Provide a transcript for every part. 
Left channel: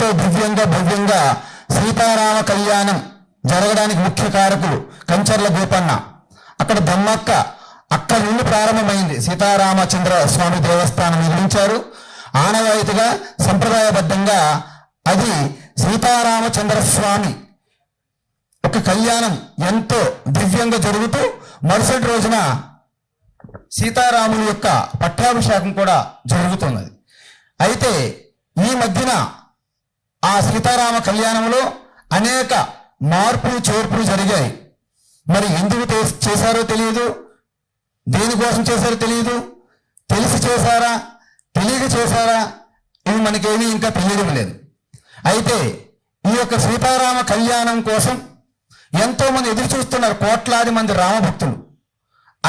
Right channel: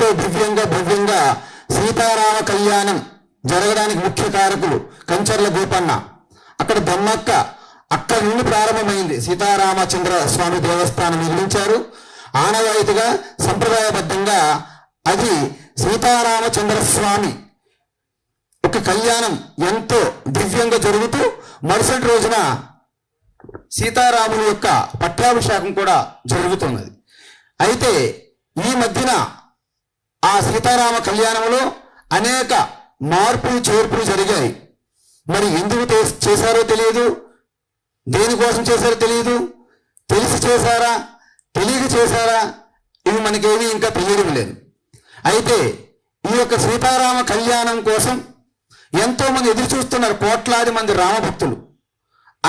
ఎంతో దివ్యంగా భవ్యంగా సీతారామ కళ్యాణం జరగడానికి ముఖ్య కారకులు కంచర్ల గోపన్న, అక్కడ దమ్మక్క, అక్కడి నుండి ప్రారంభమైంది. సీతారామచంద్ర స్వామి దేవస్థానం నిర్మించారు. ఆనవాయితీగా సంప్రదాయబద్ధంగా అది సీతారామచంద్ర స్వామి ఒక కళ్యాణం ఎంతో దివ్యంగా జరుగుతూ మరుసటి రోజున సీతారాముని యొక్క పట్టాభిషేకం కూడా జరుగుతున్నది. అయితే ఈ మధ్యన ఆ సీతారామ కళ్యాణంలో అనేక మార్పులు చేర్పులు జరిగాయి. మరి ఎందుకు చేశారో తెలియదు, దేనికోసం చేశారో తెలియదు, తెలిసి చేశారా తెలియక చేశారా ఇవి మనకేమీ ఇంకా తెలియడం లేదు. అయితే ఈ యొక్క సీతారామ కళ్యాణం కోసం ఎంతో మంది ఎదురు చూస్తున్నారు, కోట్లాది మంది రామభక్తులు.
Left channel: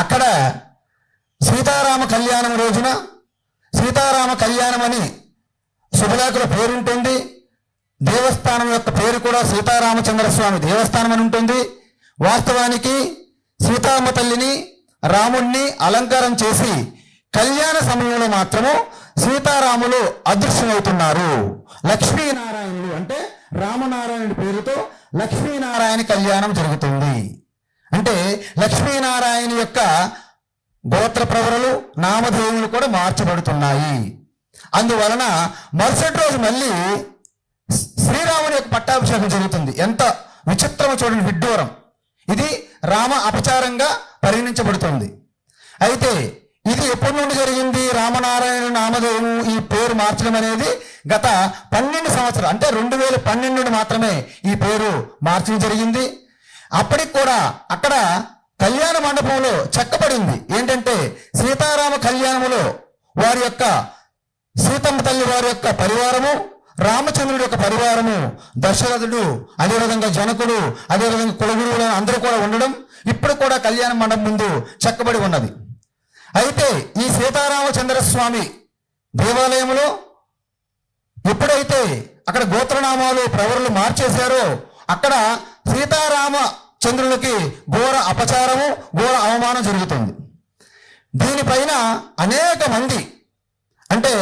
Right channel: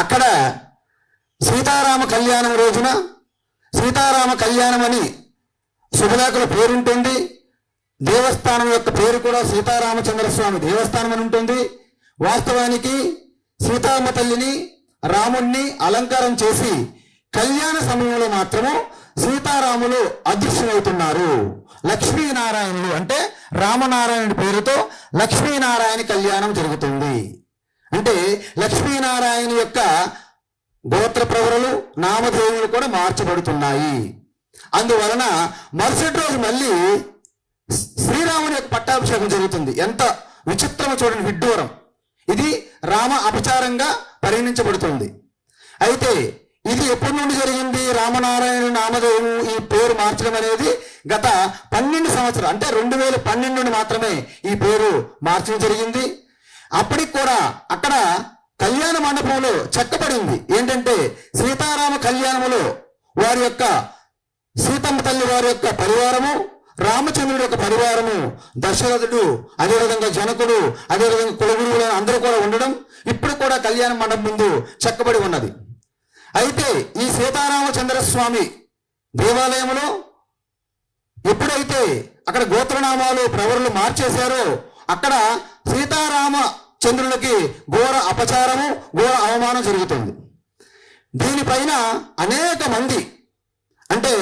అక్కడ సీతారామ కళ్యాణం రోజున సీతారామ కళ్యాణం అని శుభలేఖల పేరుంటుంది, దేవస్థానం యొక్క పేరు కూడా సీతారామచంద్ర స్వామి దేవస్థానం అని ఉంటుంది. వాస్తవానికి సీతామ్మ తల్లిని రాముణ్ణి అలంకారం చేసి కళ్యాణ సమయంలో మాత్రము సీతారాములు అదృశ్యమవుతున్నారు. లక్ష్మీనారాయణులు అంటే రామనారాయణుడి పేరుతో లక్ష్మీనారాయణ కళ్యాణం జరుగుతుంది. అంటే లక్ష్మీనారాయణ యొక్క గోత్ర ప్రవరులు నామధేయులు కూడా మార్చబడుతున్నాయి. అందువలన మరుసటి రోజు మళ్ళీ శ్రీరాముని యొక్క పట్టాభిషేకం జరుగుతుంది. ఎంత విచిత్రమో చూడండి, విడ్డూరం. ఇది రామ అపచారంగా పరిగణించబడుతుంది. అయితే ఇది ఎప్పటి నుండి జరిగింది? రామనారాయణ నామధేయం ఈ పేరు మార్చడం అనేది గత 12 సంవత్సరాలు అంటే 2012 నుండి మాత్రమే ఈ పేరు మార్చడం జరిగింది. అప్పటికి కూడా అక్కడ కళ్యాణ మండపంలో చెక్కబడింది ఏంటంటే సీతారామ కళ్యాణంలో వారి యొక్క సీతమ్మ తల్లి వారి యొక్క పరివారము, రామచంద్రుడి యొక్క పరివారము, దశరథుడు, అదేవిధంగా జనకుడు, అదేవిధంగా కులగురువులు అందరూ కూడా ఉండడం ఇప్పుడు కూడా కళ్యాణ మండపం ముందు చెక్కబడి ఉన్నది. అయితే ఈ సీతారామచంద్ర స్వామి దేవాలయంలో ఎప్పుడైతే అక్కడ గోత్రనామాలు ప్రవరులు మార్చేశారో అక్కడ సీతారామచంద్రునికి ఘోర అపచారము, ఘోర అవమానం జరుగుతుంది. దీనిపైన అనేక మంది అంటే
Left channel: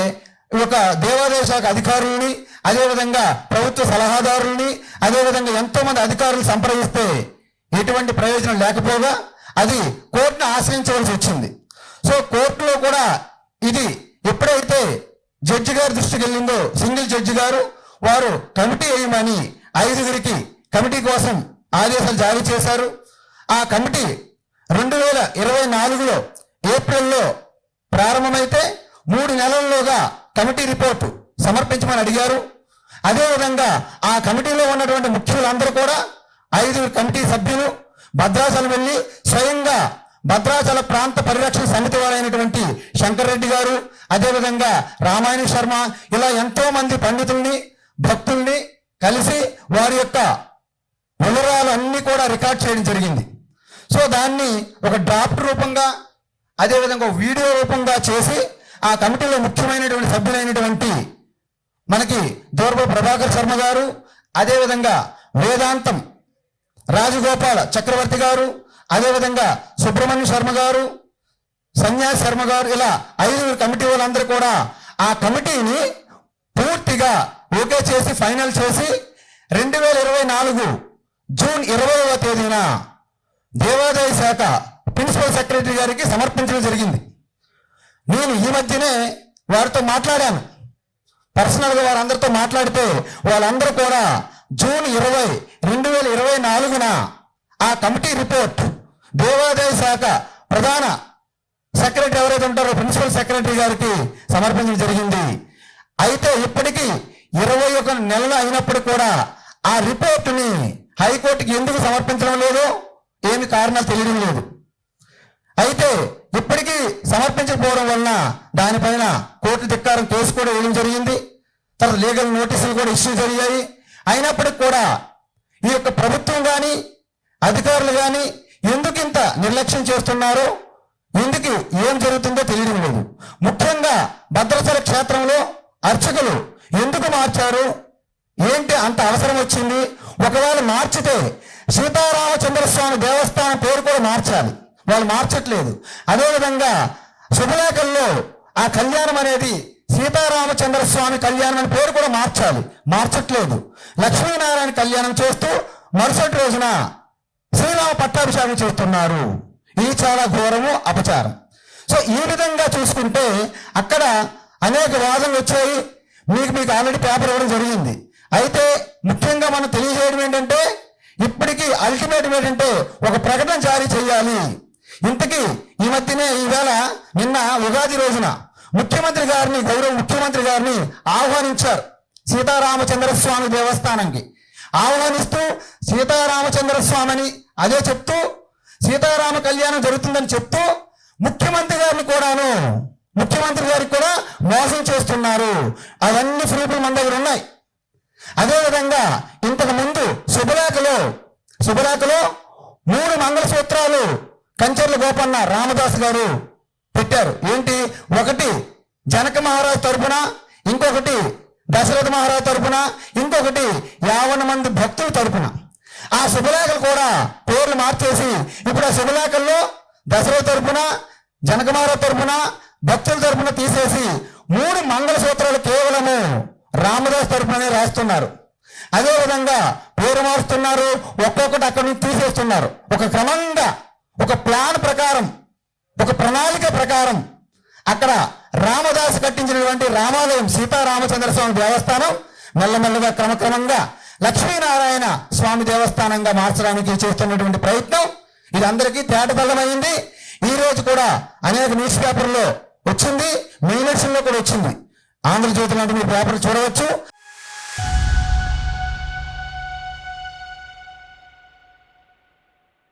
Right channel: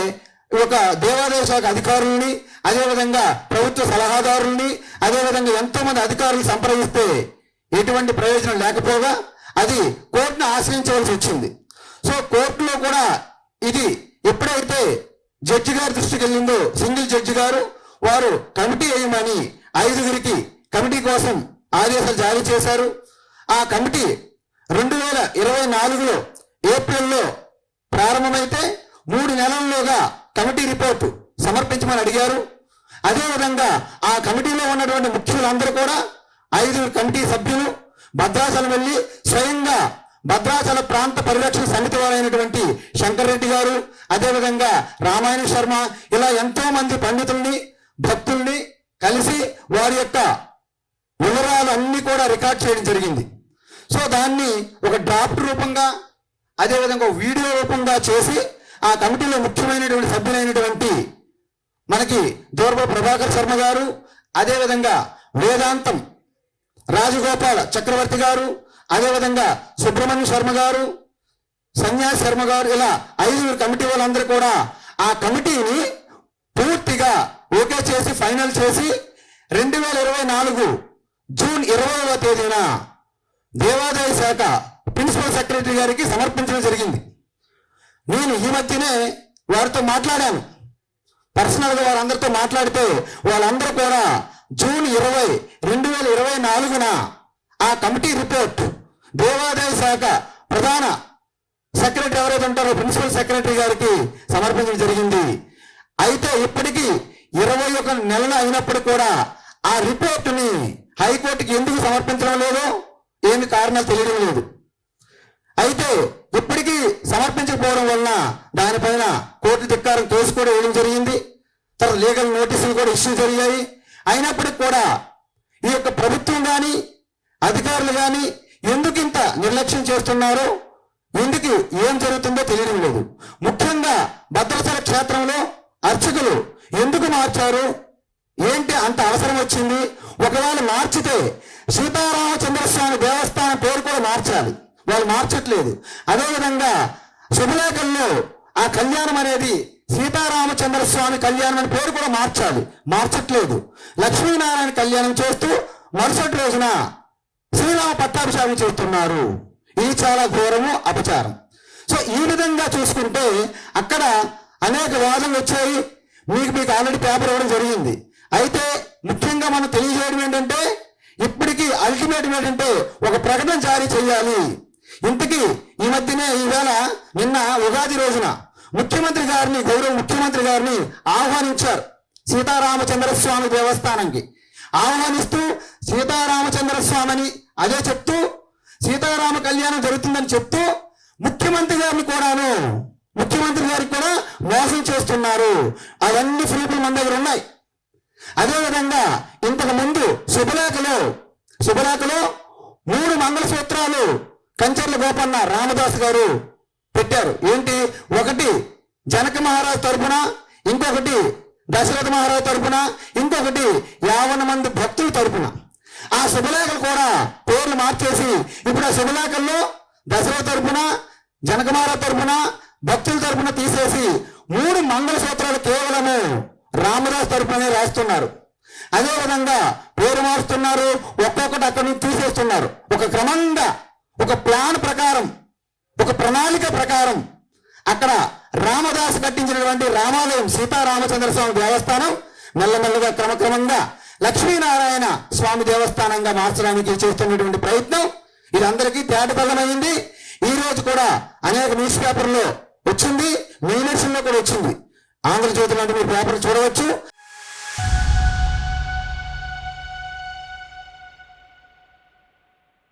ఒక దేవాదాయ శాఖ అధికారుల్ని, అదేవిధంగా ప్రభుత్వ సలహాదారుల్ని, అదేవిధంగా ఎంతో మంది అధికారులు సంప్రదిస్తే ఎటువంటి ప్రయోజనం లేకపోగా అది కోర్టును ఆశ్రయించవలసి వచ్చింది. సో కోర్టులో కూడా ఇది ఎప్పుడైతే జడ్జి గారి దృష్టికి వెళ్ళిందో, సింగిల్ జడ్జి గారు వారు కమిటీ వేయమని 5గురికి కమిటీ కోసం ఆదేశాలు జారీ చేశారు. ఆ కమిటీ 2024లో ఏప్రిల్లో ప్రారంభమైతే 3 నెలల్లోగా కమిటీ రిపోర్టు సమర్పించమని అడిగారు. అదేవిధంగా ఆ కమిటీలో ఉన్నటువంటి ముఖ్యులందరూ కూడా 5 కమిటీ సభ్యులు భద్రాచలం వెళ్ళి స్వయంగా భద్రాచల ప్రాంత పరిరక్షణ సమితి వారైనటువంటి శంకర్ రెడ్డి గారు, అదేవిధంగా రామాయణ శర్మ, ఇలా ఎంతో మంది పండితుల్ని భక్తుల్ని కలిసి వారి యొక్క వివరాలు అన్ని కూడా రికార్డ్ చేయడం జరిగింది. సో దాన్ని ఒక డ్రాఫ్ట్ రూపంగా అదేవిధంగా వీడియో రూపంగా చేసి ఆ కమిటీలో ముఖ్యమైనటువంటి సభ్యులైనటువంటి మనకి దూర్బ ప్రభాకర్ శర్మ గారు, అదేవిధంగా వేదాంతం రాజగోపాల చక్రవర్తి గారు, అదేవిధంగా సుబ్రహ్మణ్య శర్మ గారు, సన్యాస్ శర్మ గారు, ఇలా 5 కమిటీ వాళ్ళందరూ కూడా ఆ కమిటీని పూర్తిగా ఓకే చేసి ఫైనల్ చేసి 2024 జూన్ 20వ తేదీన దేవాదాయ శాఖ ప్రిన్సిపల్ సెక్రటరీ గారికి సమర్పించడం జరిగింది. నేను ఈ మధ్యనే వారితో మాట్లాడాను, పర్సనల్గా వారందరితో మాట్లాడితే వాళ్ళందరూ కూడా జూన్ 20, 2024న ఆ కమిటీ రిపోర్ట్ దేవాదాయ శాఖ ప్రధాన సెక్రటరీ ఎవరైతే ఉంటారో ప్రిన్సిపల్ సెక్రటరీ గారికి సమర్పించడం జరిగింది. అయితే ఇప్పటికీ 21 నెలలు అయినప్పుడు కూడా ఆ రిపోర్టుని హైకోర్టుకి ఎందుకు సమర్పించడం లేదో ఏమి కారణాలు తెలియడం లేదు. అయితే ఇప్పటికీ సమర్పించకపోవడం వలన దానిపైన కోర్టు ధిక్కారం కేసు కూడా వేయడం జరిగింది. తర్వాత లీగల్ నోటీసులు కూడా ఇష్యూ జరిగాయి. అయినప్పటికీ కూడా ఈ యొక్క ప్రభుత్వం కానీ అధికారులు కానీ ఎందుకు ఇంత నిర్లక్ష్యం చేస్తున్నారో, ఎందుకు ఏం జరుగుతుందో తెలియడం లేదు. ముఖ్యంగా భద్రాచల క్షేత్రంలో అర్చకులు ఎందుకు మార్చారు, ఏంటి అంత అవసరం వచ్చింది? ఒకవేళ మార్చితే సీతారామచంద్ర స్వామి దేవస్థానం పేరు కూడా మార్చాలి, వాళ్ళు మార్చట్లేదు. అదేవిధంగా శుభలేఖల్లో ఆ కళ్యాణం అనేది సీతారామచంద్ర స్వామి కళ్యాణం అని పేరు కూడా మార్చాలి, మార్చట్లేదు. లక్ష్మీనారాయణ కళ్యాణం చేస్తూ మరుసటి రోజున శ్రీరామ పట్టాభిషేకం చేస్తున్నారు. ఇది చాలా ఘోరము, అపచారం. సో ఈ విధంగా చూసుకుంటే అక్కడ అనేక వాదనలు వచ్చాయి. మీకు ఆల్రెడీ పేపర్ ఇవ్వడం జరిగింది. అయితే ముఖ్యంగా మనం తెలియజేయడం ఏంటంటే, ఇప్పటికీ అల్టిమేటం ఏంటంటే ఒక ప్రకటన జారీ చేయాలి. ఇంతకీ ఈ మధ్యనే ఈవేళ నిన్న ఉగాది రోజున ముఖ్యమంత్రి గారిని, గౌరవ ముఖ్యమంత్రి గారిని ఆహ్వానించారు సీతారామచంద్ర స్వామి దేవస్థానానికి. ఆహ్వానిస్తూ సీతారామచంద్ర స్వామిని అదే చెప్తూ సీతారామ కళ్యాణం జరుగుతుందని చెప్తూ ముఖ్యమంత్రి గారిని కూడా మోసం చేస్తున్నారు. అవన్నీ ప్రూఫ్లు మన దగ్గర ఉన్నాయి. అదేవిధంగా ఇంతకు ముందు శుభలేఖలో 3 మంగళసూత్రాలు కంచర్ల గోపన్న రామదాస్ గారు పెట్టారు. ఏంటి? ఒకటి జనక మహారాజు తరపున, ఇంకొకటి దశరథ మహారాజు తరపున, ఇంకొకటి 50 మంది భక్తుల తరపున. ఆ శుభలేఖలు కూడా పేర్లు మార్చేసి ఇప్పుడు ఆ శుభలేఖల్లో దశరథ తరపున, జనక మహారాజు తరపున, భక్తుల తరపున తీసేసి 3 మంగళసూత్రాలు కేవలము రామదాస్ తరపున రాస్తున్నారు. అదేవిధంగా పేరు మారుస్తున్నారు, ఒక్కొక్కటి అక్కడి నుంచి తీసేస్తున్నారు. ఒక క్రమంగా, ఒక ప్లాన్ ప్రకారం, ఒక ప్రణాళిక ప్రకారం అక్కడ రామదాసు కట్టించినటువంటి రామాలయం సీతారామచంద్ర స్వామి దేవస్థానం మెల్లమెల్లగా క్రమక్రమంగా లక్ష్మీనారాయణ స్వామి దేవస్థానంగా మార్చడానికి చేస్తున్నటువంటి ప్రయత్నం ఇది అందరికీ తేటతెల్లమైంది. ఈ రోజు కూడా అనేక న్యూస్ పేపర్లో వచ్చింది, మెయిన్ ఎడిషన్లో కూడా వచ్చింది. ఆంధ్రజ్యోతి లాంటి మీరు పేపర్ చూడవచ్చు.